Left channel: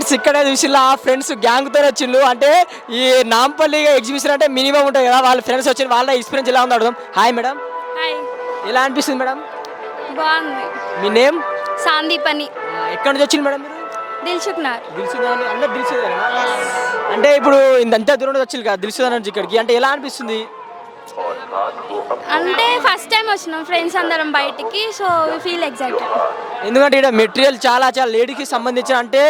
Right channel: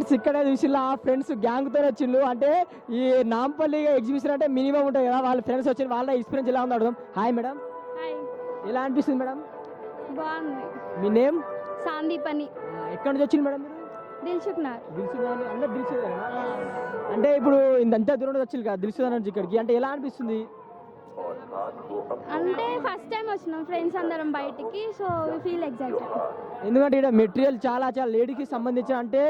Friends ఇక్కడే చూసిల్లా friends గ్యాంగ్తో వచ్చిండ్రు. అంటే ఈ నాంపల్లి ఎగ్జిబిషన్ అంటే మినిమం ఉంటుంది కదా, వాళ్ళ ఫ్రెండ్స్ వచ్చి వాళ్ళ ఎక్స్పీరియన్స్ ఎలా ఉందో అడుగుదాం. హాయ్ మేడం, హాయ్, ఎలా అనిపిస్తుంది మేడం? బాగుంది. మీ నేమ్? సందీప్ అని. ఎక్కడి నుంచి వచ్చింది మేడం మీరు? దిల్సుఖ్నగర్. దిల్సుదాని అందరు దిల్సుదానా? అంటే ఇప్పుడు ఇంత దూరం నుంచి వచ్చింది కదా దిల్సుదాని నుంచి ఇక్కడికి, అంటే ఎలా అనిపిస్తుంది? అంటే ఫస్ట్ టైం వచ్చినాం ఫ్రెండ్స్ అందరం బయటికి, సో వి ఫీల్ ఎక్సైటెడ్. ఎందుకంటే ఇక్కడ మెటీరియల్ చాలా లేడీకి సంబంధించిన, అంటే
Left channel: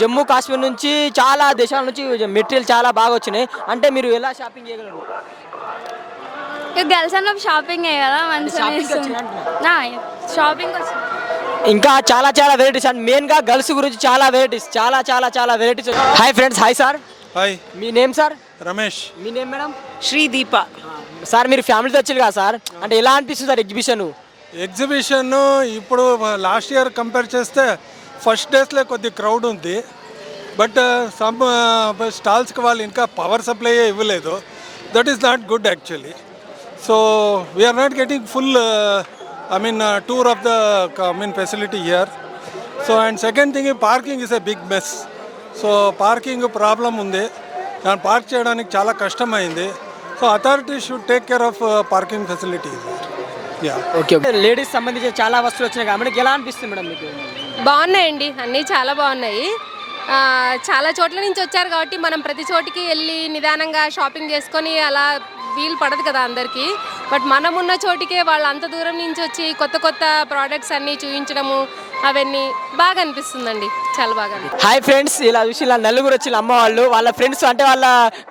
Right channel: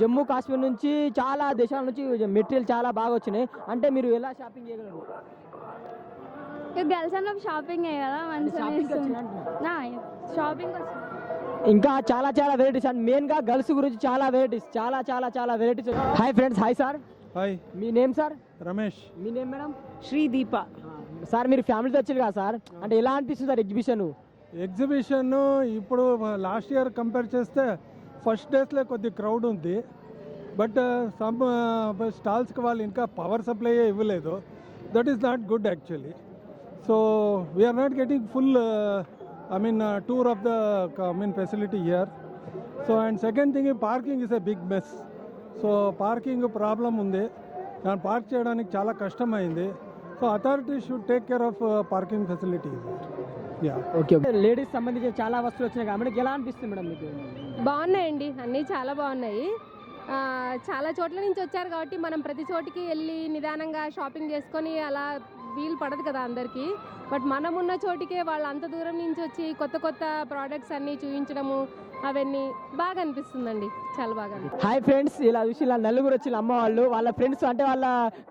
జమ్మూ కాశ్మీర్ నుంచి చాలా దేశాల నుంచి మెటీరియల్ చాలా బాగా వచ్చినాయి. అంటే మీరు ఎలా షాపింగ్ చేయగలరు? ఇక గర్ల్స్ అన్న షాపింగ్ కదా షాపింగ్కి మంచిగా వచ్చినా అంటున్నా. షాపింగ్ వచ్చిన. ఇంకా చాలా వెరైటీస్ అండ్ మెయిన్గా గర్ల్స్ గురించి చాలా varieties. Hi friends. Hi sir. Hi, మీ నేమ్ సార్? రమేష్. మీ నేమ్ మేడం? శ్రీదీప. సార్ మీరు ఫ్యామిలీతో వచ్చారు కదా సార్, అంటే ఎలా అనిపిస్తుంది సార్ ఎగ్జిబిషన్ ఇప్పుడు లాస్ట్ ఇయర్ కంపేర్ చేస్తే ఫస్ట్ డేస్లో కొద్ది క్రౌడ్ ఉంది. బట్ సమ్ స్టాల్స్కి వాళ్ళు ఇంకా పవర్ సప్లై ఇవ్వలేదు. That is not good actually. So we are not getting full tour of the facility here. So and second thing, parking is a big mess. So parking problem ఉంది, దాన్ని park చేయడానికి చాలా కష్టమైంది. So authority should take care of parking facilities. Okay. Ladies సంబంధించిన చాలా వస్తువులు వచ్చినాయి కాబట్టి ఎలా అనిపిస్తుంది మేడం మీకు? బాగున్నాయండి, అన్నీ చాలా బాగున్నాయి. చాలా చోట్ల నుంచి వచ్చారు కాబట్టి మనం ప్రతి చోటికి వెళ్ళి నిదానంగా షాపింగ్ చేసుకొని అలా వీలు పడదు కదా అందరికీ. బట్ మనం ఉన్న చోటికే వాళ్ళు అంత దూరం నుంచి వచ్చి కొత్త ప్రోడక్ట్స్ అన్నీ చూపించడము అవన్నీ బాగా అనిపిస్తుందండి, చాలా బాగా. హాయ్ ఫ్రెండ్స్, ఇలా చూసి ఇలా నలుగురు వచ్చి అమ్మ వాళ్ళ ఫ్రెండ్స్, అంటే వాళ్ళ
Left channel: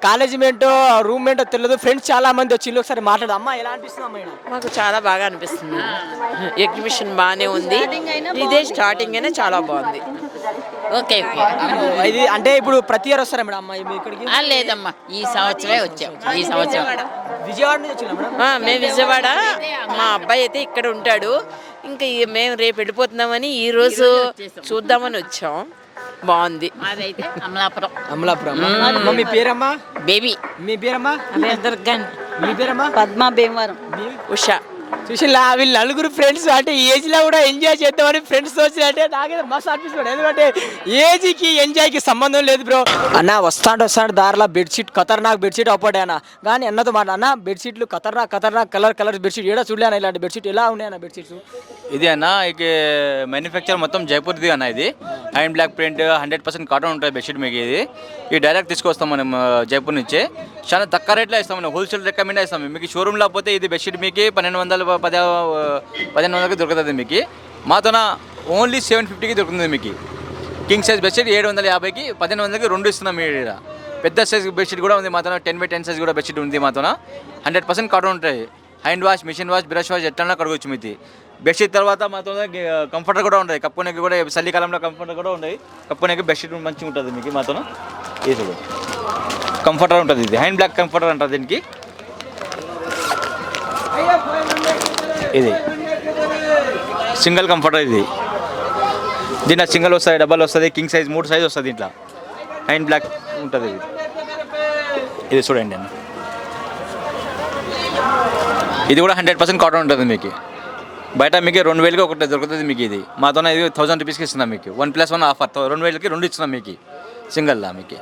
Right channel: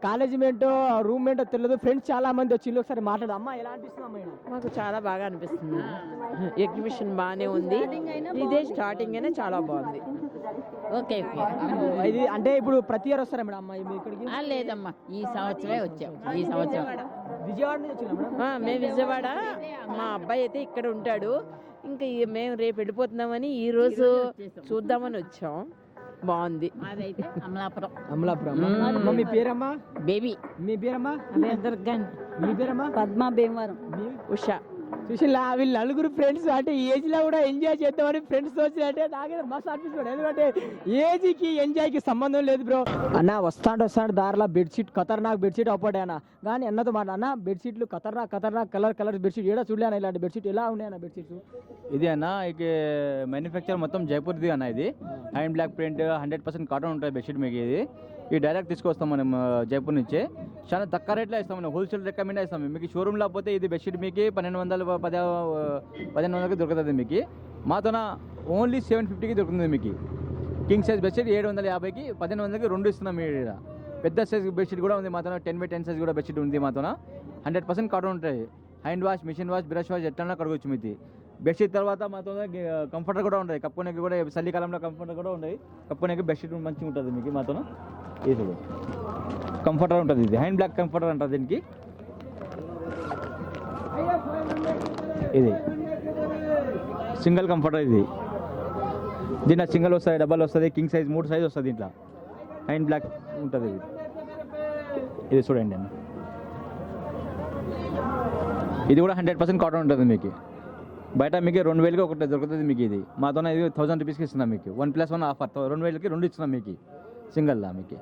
కాలేజీ మేంటో రూమ్ మేంటో తెలియదు, ఫ్రెండ్స్ చాలా మంది వచ్చి ఒకసారి మాట్లాడదు. అమ్మ ఎలా అనిపిస్తుంది అమ్మ? మాకు చాలా బాగా అనిపిస్తుంది. ఎగ్జిబిషన్ బాగానే ఉంది, ఇదే స్టార్టింగ్ అయినా చాలా బాగుంది. Okay okay. ఇది అంటే ఇప్పుడు ప్రతి ఇయర్ వస్తారా మేడం అమ్మ ఇక్కడికి? లేదమ్మా, ఈ సంవత్సరమే వచ్చాం. ఈ సంవత్సరం విజయవాడ నుంచి వచ్చినా మేడం? మేము విజయవాడ, మా అబ్బాయి అయితే ఇక్కడ ఉంటాడు. ఇంకా మేము రేపు వెళ్ళిపోతున్నామని ఈ రోజు చూద్దామని వచ్చాం. బాగుంది. అదైతే అమలాపురం. అమలాపురం. మీ పేరమ్మా? బేబీ. మీ పేరమ్మా? దుర్గన్. మీ పేరమ్మా? పద్మ భీమవరం. ఉషా. చూసిలా వీళ్ళు నలుగురు ఫ్రెండ్స్, అంటే ఏజ్ లో కూడా ఎంజాయ్ చేద్దామని ఫ్రెండ్స్ వచ్చినట్టే నాకైతే మస్తు అనిపిస్తుంది. ఎందుకంటే ఏజ్కి ఎంజాయ్కి సంబంధం లేదు బ్రో. అన్న వస్తాడు దారిలో బెడ్షీట్ ఖతర్నాక్ బెడ్షీట్ అవ్వడే అన్న, కానీ అన్నతో మాట అన్న బెడ్షీట్లు ఖతర్నాక్ కలర్ బెడ్షీట్ ఏడా చూడలేనా ఇలాంటి బెడ్షీట్? ఎలా ఉన్నాయన్న బెడ్షీట్స్? ఇది అన్న ఇక మ్యానుఫ్యాక్చర్ మొత్తం జైపూర్ది అన్న. ఇది అండ్ బ్లాక్ ప్రింట్ 100% కాటన్ ఉంటుంది బెడ్షీట్ మీకు. ఇది డైరెక్ట్ తీసుకొస్తాం మనం జైపూర్ నుంచి. చాలా తక్కువ రేట్లో ఇస్తాం మనం, హోల్సేల్ రికమెండ్ ఇస్తాం మీకు. షోరూమ్లో పోతే ఇది బెడ్షీట్ మీకు 1500 దొరుకుతుంది మీకు. మాతోన ఓన్లీ 750కి దొరుకుతుంది మీకు. కింగ్ సైజ్ బెడ్షీట్ 750కి 1500కి రెండు ఇస్తున్నాం మీరు. పెద్ద సైజ్ బెడ్షీట్ కూడా ఉంది మాతోన, 10x10 సైజ్ కూడా బెడ్షీట్ ఉంది మాతోన. 100% కాటన్ ఉంటాయి. Hand wash, machine wash, brush wash ఎట్లా కడగవచ్చు మీది. బెడ్షీట్ తర్వాత మాతో కంఫర్టర్ కూడా ఉంటుంది, కప్పుకోనికి కూడా చలికాలంలో కంఫర్టర్ కూడా ఉంటుంది. కప్పుకోనికి బెడ్షీట్ మంచిగా ఉంటుంది మీకు మాతో. ఇది చూడు కంఫర్టర్ ఉంటుంది, ఇది హ్యాండ్ బ్లాక్ కంఫర్టర్ అంటారు దీనికి. ఇది సింగిల్ కంఫర్టర్, ఇది దీంట్లో సింగిల్ వస్తుంది, డబల్ వస్తుంది, కింగ్ సైజ్ 3 సైజ్ వస్తుంది. దీంట్లో హ్యాండ్ బ్లాక్ ఉంటుంది. ఇది చూడండి అన్న, ఇది కూడా 100% కాటన్ ఉంటుంది మీకు. బయట మీకు 2000కి ఒకటి దొరుకుతుంది మీకు. ఇది మాతో ఇది 1000 రూపీస్కి ఇస్తున్నాం మీకు. 1+1 ఆఫర్ 2000కి 2 ఇస్తున్నాం మీకు సింగిల్లా మీకు.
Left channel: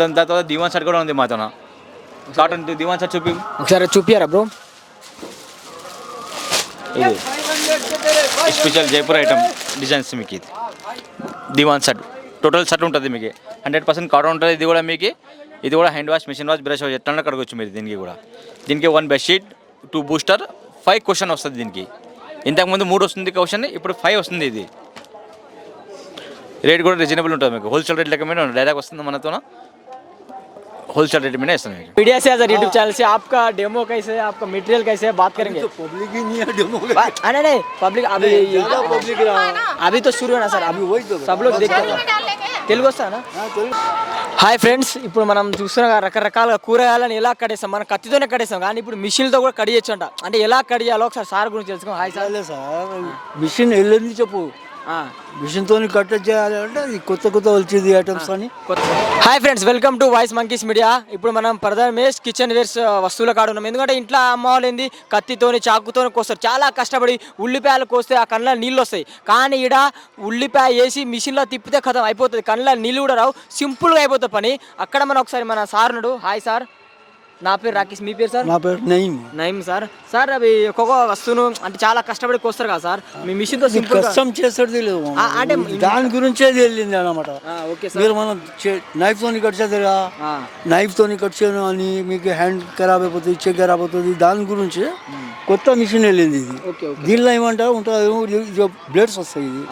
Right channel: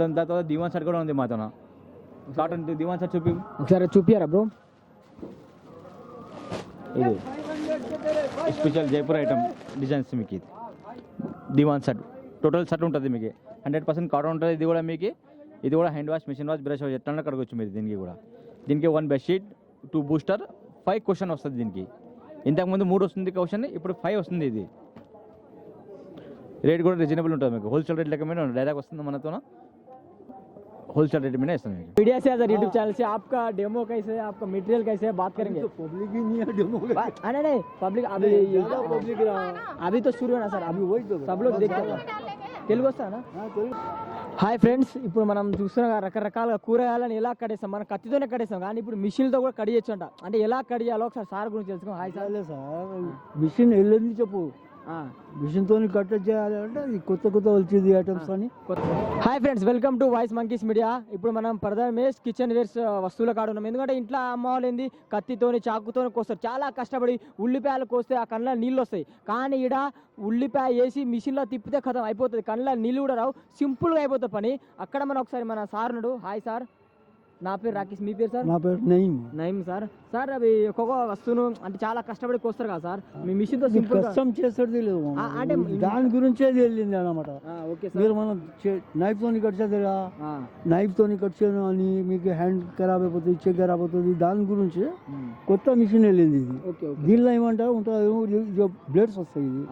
దాని తర్వాత దివాన్ షర్ట్ కూడా ఉంది మాతో, కాటన్ దివాన్ షర్ట్ ఒకసారి చూపియారా బ్రో? ఇది స్పెషల్ జైపూర్ ఐటమ్ డిజైన్స్ మీకు. ఇది దివాన్ షర్ట్ టోటల్ షర్ట్ ఉంటుంది మీకు, 100% కాటన్ ఉంటుంది. ఇది కూడా మీకు, ఇది కూడా hand wash, machine wash, brush wash ఎట్లా కడగవచ్చు మీరు దీనికి కూడా. దీనికి 1 బెడ్షీట్, 2 బూస్టర్, 5 క్వశ్చన్ వస్తుంది దీనికి. ఇంతకుముందు 3 వస్తుంది క్వశ్చన్, ఇప్పుడు 5 వస్తుంది. ఇది రేట్ కూడా రీజనబుల్ ఉంటుంది మీకు. హోల్సేల్ రేట్ లెక్క మీద డైరెక్ట్ వస్తుంది మనతో, होलसेल रेट में नहीं इसमें। मीडिया से अगर यूट्यूब चैनल से आपका डेमो कैसे है, आपका मटेरियल कैसे है, बात करेंगे। तो पब्लिक ही नहीं है डेमो का। नहीं पब्लिक अभी अभी तो शुरू है ना सर, अभी वही तो सब लोग देखते हैं। తెలుగు వస్తానా? హాయ్ ఫ్రెండ్స్, ఇప్పుడు మనం చూస్తున్న రకరకాల కూరగాయలను ఎలా కడేస్తాం, మనం కత్తితోనే కడేస్తాం, కానీ ఇప్పుడు మిషన్తో కూడా కడియచ్చు అంట. అంటే ఎలా కడియాలో ఒకసారి సార్ గురించి తెలుసుకో. Hi sir. సార్ మిషన్ వెళ్ళింది చెప్పు, మిషన్తో కట్ చేయాలి అంటే అది కొత్త కొత్త వచ్చింది ఐటమ్స్ అని. Hi friends, welcome to voice monkeys media. ఇప్పుడు మనం ప్రధానమేష్ కిచెన్ వేర్స్ వస్తువుల కాడ ఉన్నాం. ఎందుకంటే ఇంట్లో అమ్మ వాళ్ళు ఏంది కత్తితోని చాకుతోని కోస్తారు, చాలా కష్టపడి ఉల్లిపాయలు కోస్తే ఆ కళ్ళ నీళ్ళు వస్తాయి. కానీ ఈడ ఉల్లిపాయ వేసి మిషన్లో తిప్పితే కథం అయిపోతుంది, కళ్ళ నీళ్ళు కూడా రావు, సింపుల్గా అయిపోతుంది పని. అక్కడ మనం ఒకసారి మన సార్ ఉన్నాడు. హాయ్ సార్, నా పేరు రాకేష్, మీ పేరు సార్? నా పేరు నయీం. నయీం సార్. సార్ అవి ఒక్కొక్క వస్తువును అంటే చాలా కష్టపడి కోస్తారు కదా సార్, మీ మిషన్తో సింపుల్ కష్టం చేసేది లేదు, అంటే దాని గురించే వెళ్ళింది అనమాట. ఓకే మీరు మనం నైఫ్ తోని కట్ చేస్తారు కదా, నైఫ్ తోని కట్ చేయడం అని మీకు హ్యాండ్ ఖరాబ్ అయిపోతుంది, చెక్ ఖరాబ్ అవుతుంది, దాని గురించి కొత్త మిషన్ వెళ్ళింది ఇది. దీనిలో ఏమంటారు ఉంటుంది, బ్లేడ్స్ వస్తాయి. ఇది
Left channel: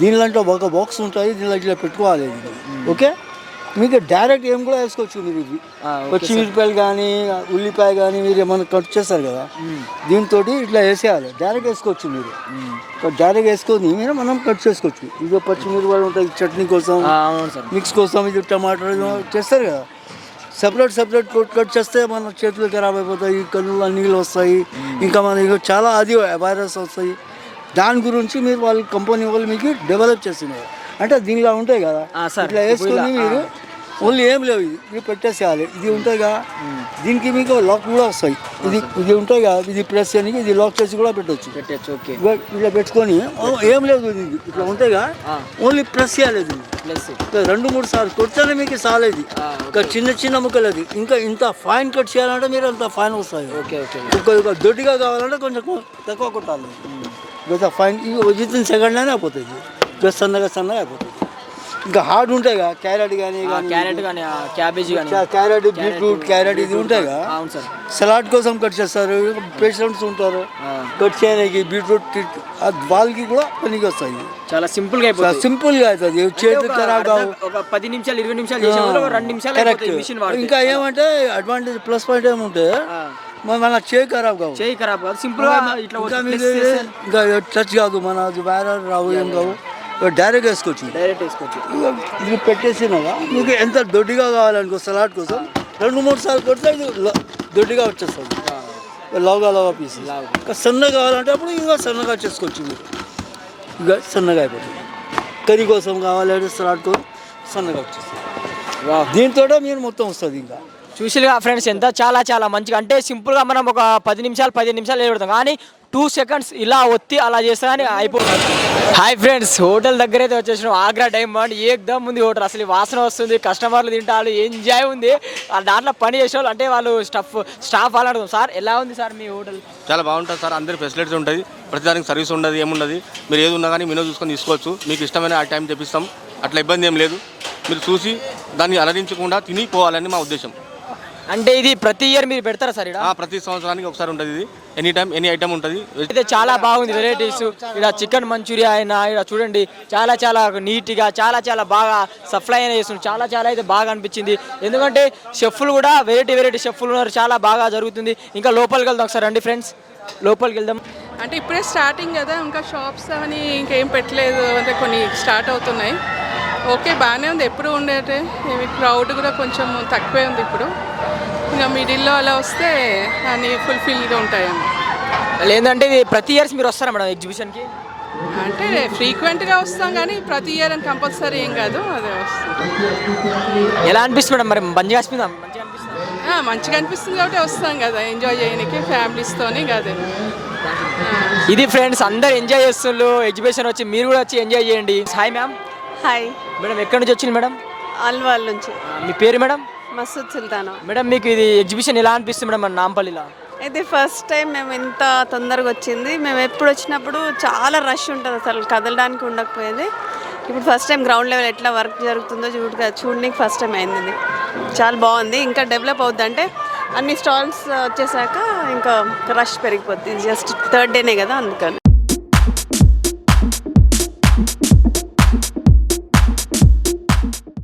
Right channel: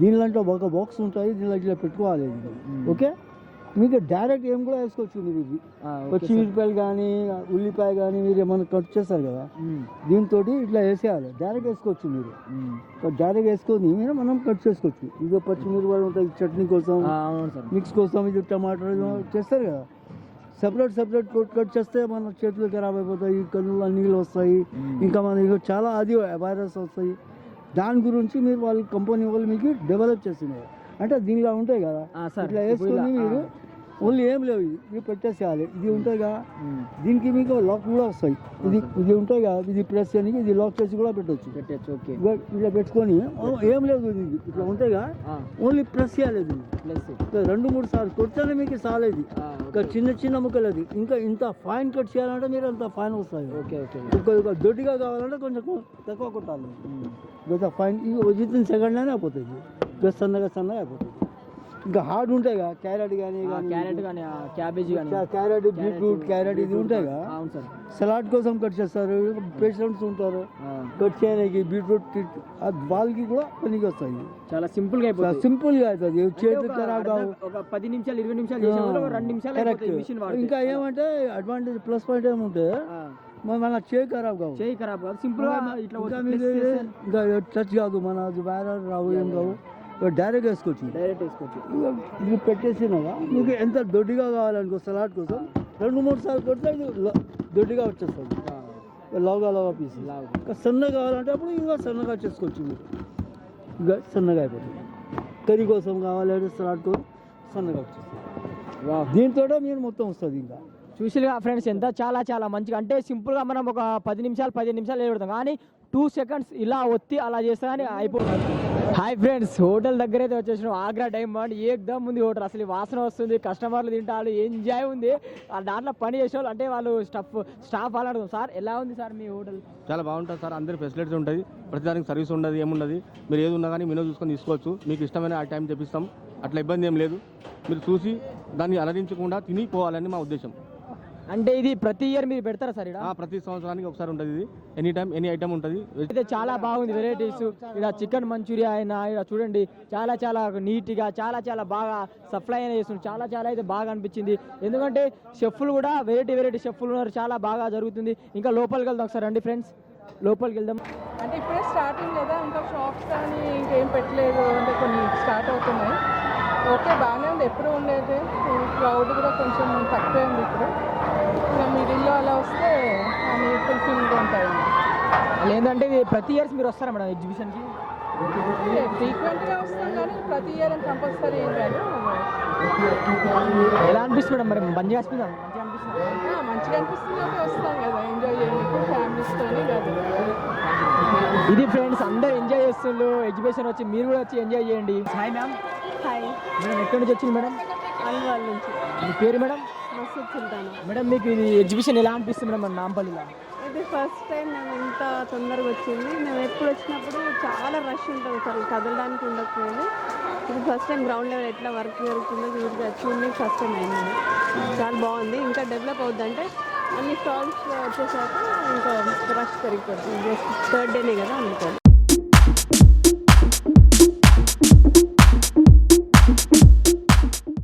దీనిలో ఒక బాక్స్ ఉంటుంది, దీనిలో ఇట్లా పెట్టుకోవాలి ఇది. ఓకే, మీకు డైరెక్ట్ ఏం కూడా వేసుకోవచ్చు. మీరు ఇవి పచ్చిమిరపాయలు కానీ ఉల్లిపాయ కానీ మీరు ఏమైనా కట్ చేస్తారు కదా, దీంతో ఇట్లా వేసేయాలి, డైరెక్ట్ వేసుకోవచ్చు. మీరు డైరెక్ట్ వేసుకొని మీరు మనం కట్ చేసుకోవచ్చు. ఇది పచ్చిమిరపాయలు ఉంటాయి చట్నీ కోసం, మిక్స్ కోసం, ఇది టమాటో చేస్తారు కదా, సపరేట్ కట్ చేస్తే మన చేతులు ఖరాబ్ అయిపోతాయి, కళ్ళలో నీళ్ళు వస్తాయి, ఇంకా మనకి చాలా అది వైరస్ వస్తాయి. దాని గురించి మీరు వాళ్ళ కంపెనీ వాళ్ళు మీకు డెవలప్ చేస్తున్నారు. అంటే దీనిలో ఉంటాయి కదా, ఇట్లా వేసుకొని మీరు ఓన్లీ ఏం లేవు, ఇది పెట్టేసేయాలి. ఇది ఉంటాయి కదా, దీనికి మీకు లాక్ కూడా వస్తాయి. ఇది ఉంటాయి కదా, ఇది ప్రెస్ చేయడానికి ఇది లాక్ చేసి కూడా పెట్టచ్చు. ఇట్లా పెట్టుకొని ఏం లేదు, ఇది ఇట్లా ఉంటాయి కదా, ఓన్లీ ప్రెస్ చేయాలి. ఇది 2-3 సార్లు కొడితేనే మీకు సాలేదు. ఇంకా చిన్న ముక్కలు అది. ఇంకా ఇంత ఫైన్ కట్ చేయాలంటే మీరు అంత ఫైన్ వస్తాయి. ఇంకా దొడ్డిగా కావాలంటే కొంచెం తక్కువ కొట్టాలి. ఇంకా ఫైన్ విత్ ఇన్ సెకండ్లోనే అయిపోతుంది, సన్నగా అయిపోతుంది. ఇంకా హార్డ్ ఉంటాయి కదా, క్యారెట్ కానీ క్యాబేజీ కానీ క్యారెట్, బీట్రూట్, క్యారెట్ ఇది ఉంటాయి కదా, సలాడ్ కోసం కట్ చేస్తారు. పేషెంట్స్ ఉంటారు కట్ చేయడానికి బీట్రూట్, వాళ్ళకి కూడా పనికి వస్తాయి. చాలా సింపుల్గా అయిపోతుంది, సింపుల్గా అవుతుంది. చేతులు ఖరాబ్ కావు, ఒక 10 నిమిషాలు 20 నిమిషాలు 2 నిమిషాలు కరెక్ట్. ఇంకా ఏమంటే అడ్వాంటేజ్ ప్లస్ పాయింట్ ఏముంటే మన చేయి ఖరాబ్ కావు, సింపుల్ గా ఇంకా టచ్ కాదు, మన వైరల్ రావు, ఏం కావు, డైరెక్ట్ వేసుకోవచ్చు. ఇది పెట్టేసినాగా మీకు ఎంత దొడ్డిగా కావాలనుకో సలాడ్ కోసం 2-3 సార్లు కొడితే ఇది దొడ్డిగా వచ్చేస్తుంది, లావుగా పీస్. ఇంకా సన్నగా కావాలంటే అప్పుడు ఇంకా సన్నగా చేసుకోవచ్చు. మీరు ఇంకా సన్నగా అయిపోతుంది. కర్రీ కోసం కావాలంటే సలాడ్ కోసం సన్నగా వచ్చేస్తుంది. దీంతో మీరు మొత్తం వస్తుంది. ఇంకా చూసిగా ఫ్రెండ్స్ ఎంత చాలా మంచిగా, అంటే సింపుల్గా మనం ఒక 10 నిమిషాలు 15 నిమిషాలు వేయబడతాం, కానీ 2 సెకండ్స్ ఇలా ఒత్తి అలా చేస్తా అని అయిపోతుంది. హాయ్ ఫ్రెండ్స్, హోటల్ దగ్గర అయితే వచ్చేసినాం. ఆగ్రా డైమండ్ ఏకదమ్ ఉంది హోటల్, అసలు వాసన వస్తుంది, కస్టమర్లు తింటారు, ఎంజాయ్ ఉంది. దాంట్లో పని చేసే వాళ్ళు అంటే వాళ్ళు స్టాఫ్ వాళ్ళు అడుగుతాం. సార్ ఎలా ఉంది సార్ మీ హోటల్? చాలా బాగుంటుంది సార్, అందరి ఫెసిలిటీస్ ఉంటుంది, ప్రతిదానికి సర్వీస్ ఉండదు, ఏముండదు. మీరు ఏది ఉన్నా కానీ మెనూ చూసుకొని తీసుకోవచ్చు. మీకు ఇష్టమైన ఆ టైం తెప్పిస్తాం, అట్లా ఇబ్బంది ఏం లేదు. మీరు చూసి దాన్ని అలరించకుండా తిని పోవాలని మా ఉద్దేశం. అంటే ఇది ప్రతి ఇయర్ మీరు పెడతారా సార్? ప్రతి సంవత్సరానికి ఒకసారి ఉంటుంది. ఇది ఎనీ టైం ఎనీ ఐటమ్ ఉంటుంది. అయితే చాలా బాగుంది వెరైటీస్. ఇక్కడ చికెన్ మంచూరియా అయినా ఇక్కడ చూడండి చాలా నీట్గా చాలా బాగా సప్లై అయినా చేస్తుంది. చాలా అయితే బాగా అనిపించింది. ఎందుకంటే షెఫ్లు కూడా వెరైటీ షెఫ్లు ఉన్నారు, చాలా బాగా జరుగుతుంది. ఇంకా లోపలికి వెళ్దాం ఒకసారి, రండి ఫ్రెండ్స్, లోపలికి వెళ్దాం. అంటే ఇప్పుడే స్టార్టింగ్ కదా, ఇంకా షాప్స్ అని ఇంకేం పెట్టలేదు, అంటే కొన్ని స్టార్ట్ అవుతున్నాయి. ఓకే, బాగానే ఉంది. ఎప్పుడు ఉండేది క్రౌడ్ కూడా కొంచెం తక్కువే ఉంది ఇప్పుడు. ఇంకా మిడిల్లో అలా వస్తే అన్ని ఫుల్ఫిల్గా ఉంటాయని. లేదంటే ఇది ప్రతి ఇయర్స్ మీరు వస్తారా మేడం ఎగ్జిబిషన్కి? అంటే ఫ్రీక్వెంట్గా వస్తాం కానీ ప్రతి ఇయర్ అని కంపల్సరీ ఏం కాదు, అదే వస్తుంది. ఎలా అనిపిస్తుంది మేడం? మరి మంచిగా అనిపిస్తుందా? మంచిగా అనిపిస్తుంది కాబట్టి వస్తాం కదా, ఎంజాయ్ చేయడానికి ఫ్యామిలీస్తోని కదా. ఇది ఫ్రెండ్స్, అందరు ఎంజాయ్ చేస్తున్నారు ఎగ్జిబిషన్ వచ్చి, మీరు కూడా వచ్చి ఎంజాయ్ చేయండి. Hi ma'am. హాయ్ మేడం, ఎక్కడి నుంచి వచ్చింది మేడం? అల్వాల్ నుంచి. మీ పేరు మేడం? మసూద్ సుల్తానా. మేడం, మీకు ఇది ఎగ్జిబిషన్ ఎలా అనిపిస్తుంది మేడం మన నాంపల్లిలో? ఇది ఫస్ట్ టైం మేము ఇంత తొందరగా వచ్చింది. మేము ఎప్పుడు వచ్చినప్పుడు చాలా రష్ ఉంటుంది, అసలు కదలడానికి ఉండకపోయేది. ఇప్పుడు ఫస్ట్ టైం గ్రౌండ్ లెవెల్ ఎట్లా వర్క్ జరుగుతుందో చూడడానికి ఫస్ట్ టైం అయింది. చాలా బాగుంది. ఇంకా డెవలప్ అవుద్ది, అంటే అన్ని స్టాల్స్ వచ్చేసాక ఇంకా రష్ పెరిగిపోద్ది. జస్ట్ 3rd డేనే కదా, అందుకని.